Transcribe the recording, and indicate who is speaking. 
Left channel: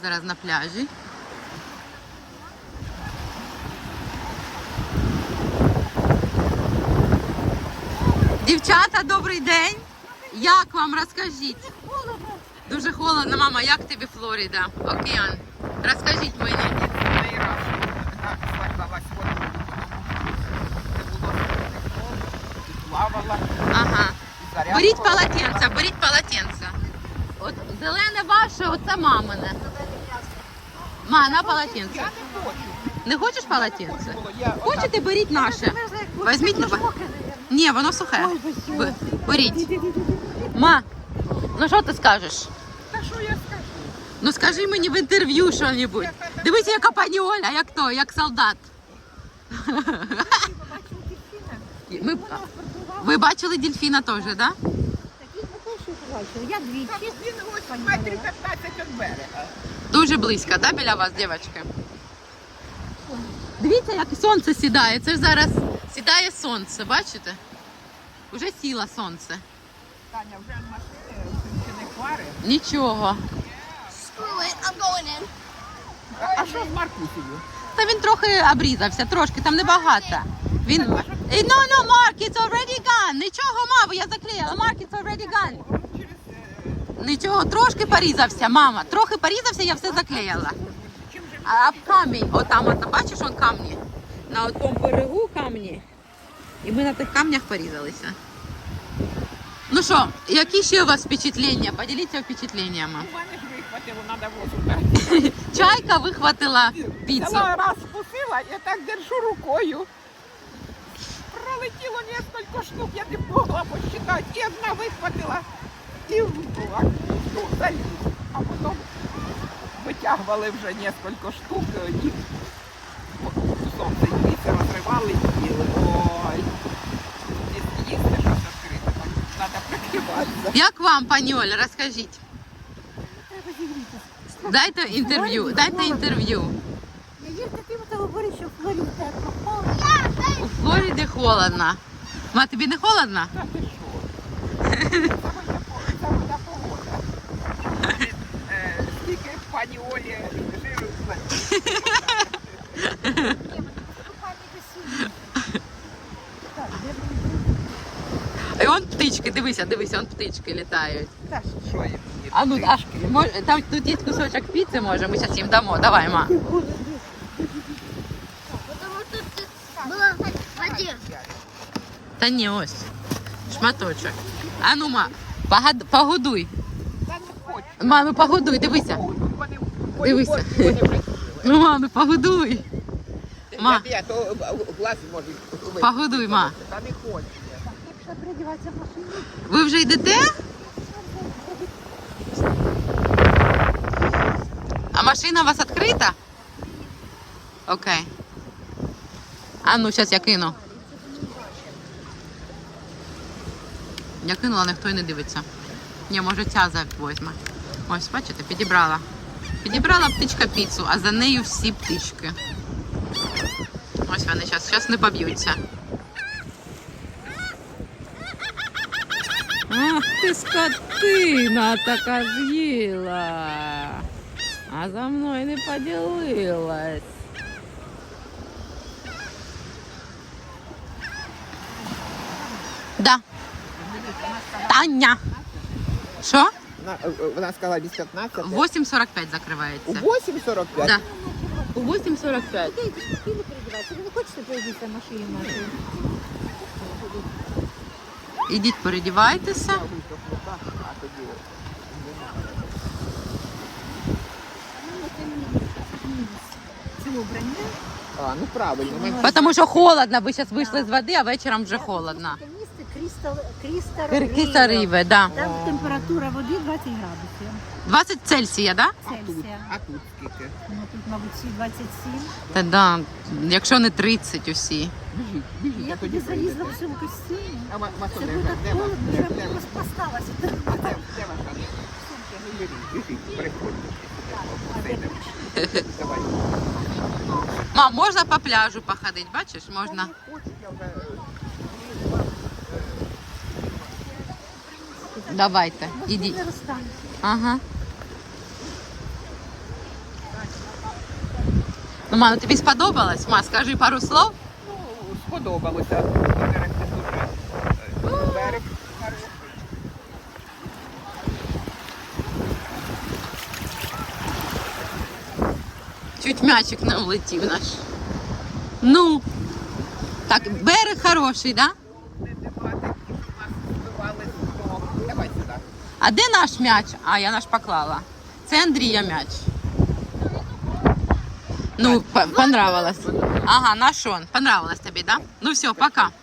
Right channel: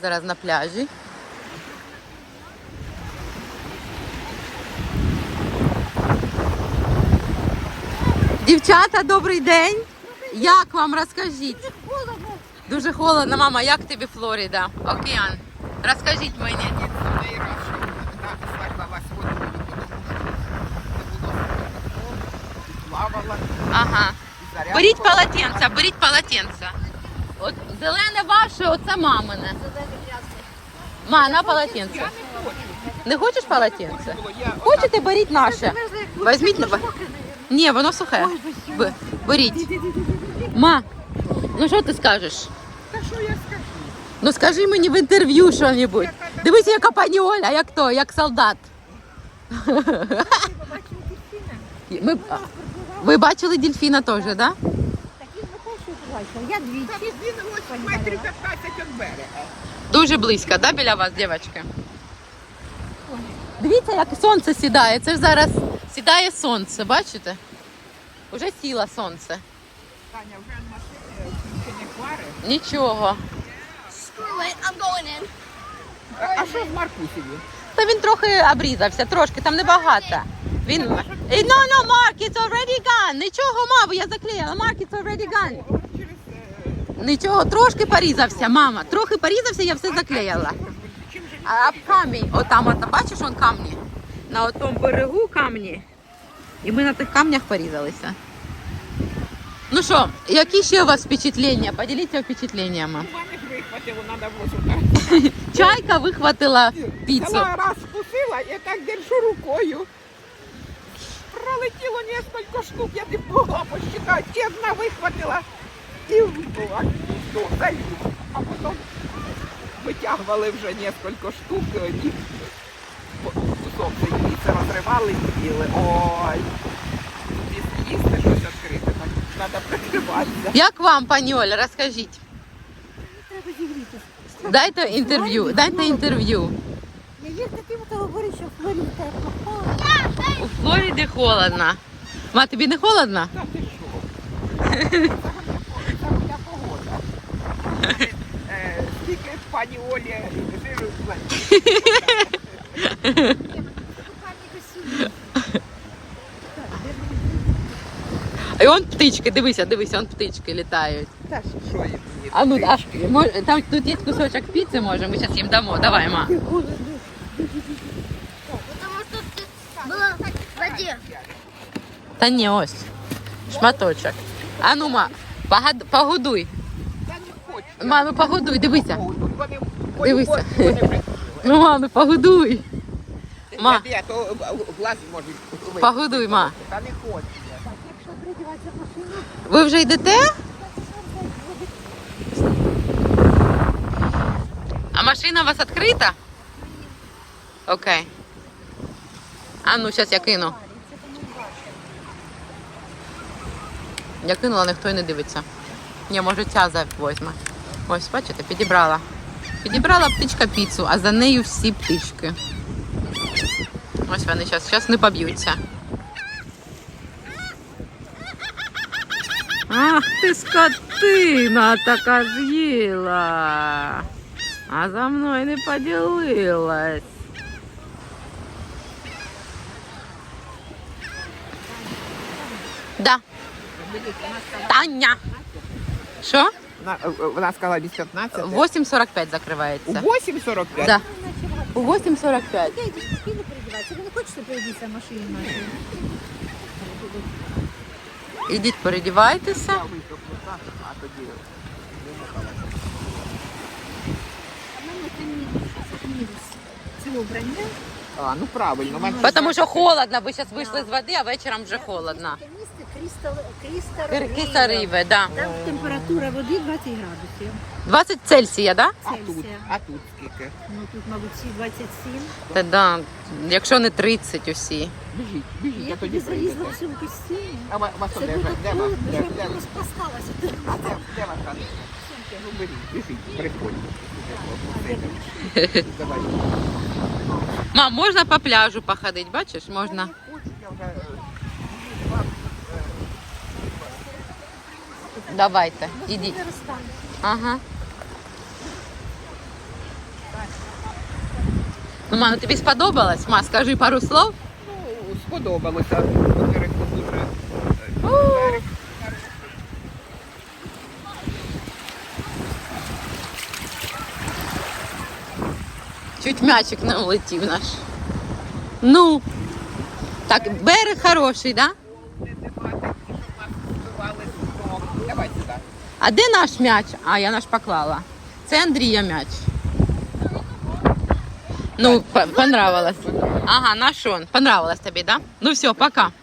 Speaker 1: Зараз на пляжі. Дівчата, добрий день. Як вам, розкажіть? Дуже холодно, мама. Як тобі Флорида? Океан. Розкажіть мені. Ага. Беріть полотенце, беріть полотенце. От зелене ваше, оце мамине. Ма, на полотенце. Не хочеш полотенце? Хочете, беріть наше. Візьміть на. Ні, воно сухе. Беріть. Ма, ну що ти скажеш?
Speaker 2: Та що я скажу?
Speaker 1: Ну скажи мені в інтерв'ю що-небудь. Дивися, яка пані Оля, як то, як солдат. Ви бачили дельфіна теж, так? Да?
Speaker 2: Я двічі. Він ось метрів 15 від берега.
Speaker 1: Дуже близько, да, біля вас, дівчатки? Дивіться, як сонце сідає. Це ж зараз сідає сонце, бачите? Уже сіло сонце.
Speaker 2: Таня, вже машини включені фари.
Speaker 1: Нічого.
Speaker 2: А що з Маркусею?
Speaker 1: Та він трохи обрізався, трошки, там небагато. Він... No, Mark, it's already gone. Нічого, мама, я заклеїла. Mark, it's already gone. Нічого, трошки порізався, мама. Трохи порізався, я все заклеїла. А камінь, отам, от, бачиш, он камні? На отому берегу камні. І ми на тих камнях порізалися. Ну що, які ще у вас впечатлення? Поділіться впечатленнями.
Speaker 2: У мене ж вихватило, треба висунути.
Speaker 1: Чайка вихватила піцу.
Speaker 2: Вона раз вкусила, я так держу рукою. Пролетіло кілька штук, я не могла посчитати. Чесно вихватила і була залів. А потім витягували вже кілька штук і кусок цей піци розривали і їли. Ой, їсти щось відкрите, треба притриматися.
Speaker 1: Як вам, пані Оля, розкажіть?
Speaker 3: Треба зігрітися.
Speaker 1: Дайте інтерв'ю, дайте інтерв'ю.
Speaker 3: Не вірте тим, хто говорить, що в Флориді холодно.
Speaker 1: У Флориді холодно. Ма, тобі не холодно?
Speaker 2: Тільки пані Олі жиру
Speaker 1: І он птички, дивися, дивися, он птички літають.
Speaker 2: що їм?
Speaker 1: А ну, там тут є кусочок піци, може, ми зараз їм дамо. Давай, ма. Та ні, ось. Шматочок. А ну, ма, погодуй.
Speaker 2: Я не хочу.
Speaker 1: Ма, ну погодуй, дивися.
Speaker 2: Вони
Speaker 1: Дивися. Ну, ма, ну погодуй. Ма,
Speaker 2: Я то глаз можуть.
Speaker 1: погодуй, ма.
Speaker 2: Та не хочу.
Speaker 1: Ви вже йдете? А машина у вас відкрита? Окей. А ну, зараз я кину. Я кинула, ніхто й не дивиться. Ні, може ця возьме. Ось, бачите, підібрала. Підібрала птичка піцу, а за нею всі птички. Ось вони зараз не поб'ються. Ах ти скотина така з'їла. А за мною не поділилась. Да. Таня. Що?
Speaker 2: Вона сказала без 15.
Speaker 1: 8:45 закривається.
Speaker 2: 8:45?
Speaker 1: Да. У 8:45.
Speaker 3: Ви не хочете пройдітися в машині нашій?
Speaker 1: Ідіть, передівайтеся.
Speaker 3: Це обрання.
Speaker 2: А, ну правильно.
Speaker 1: Тому що холодно, ви зараз вийшли з води, а вечором вже холодно.
Speaker 3: Крістал
Speaker 1: Киса риби, да.
Speaker 3: Там температура води 20 градусів.
Speaker 1: 20 Цельсія, да?
Speaker 3: Цельсія.
Speaker 2: А тут скільки?
Speaker 3: Ну тут, мабуть, всі 27.
Speaker 1: Та да, якщо не 30 усі.
Speaker 2: Біжіть,
Speaker 3: Я
Speaker 2: а тоді
Speaker 3: тоді залізла
Speaker 2: прийдете.
Speaker 3: в цьому костюмі.
Speaker 2: А вас
Speaker 3: Це
Speaker 2: де
Speaker 3: було
Speaker 2: де вас?
Speaker 3: холодно,
Speaker 2: Де
Speaker 3: я
Speaker 2: вас?
Speaker 3: розпласталася.
Speaker 2: А де ваша сумка? Ну беріть, біжіть, приходьте. Давай.
Speaker 1: Мам, можна по пляжу походити, бачиш? Можна. Давайте, ідіть. Ага. Ну, Ма, тобі сподобалось? Ма, скажи пару слов.
Speaker 2: Ну, сподобалося. Озеро дуже. Берег.
Speaker 1: Чуть м'ячик не влетів наш. Ну, так, берег хороший, да?
Speaker 2: Нема такі, щоб нас збивали з дому. Давай сюди.
Speaker 1: А де наш м'яч? А, я наш поклала. Це Андрія м'яч. Ну, понравилось. Ага, наш он. Понравилось тобі, да? Ну все, пока.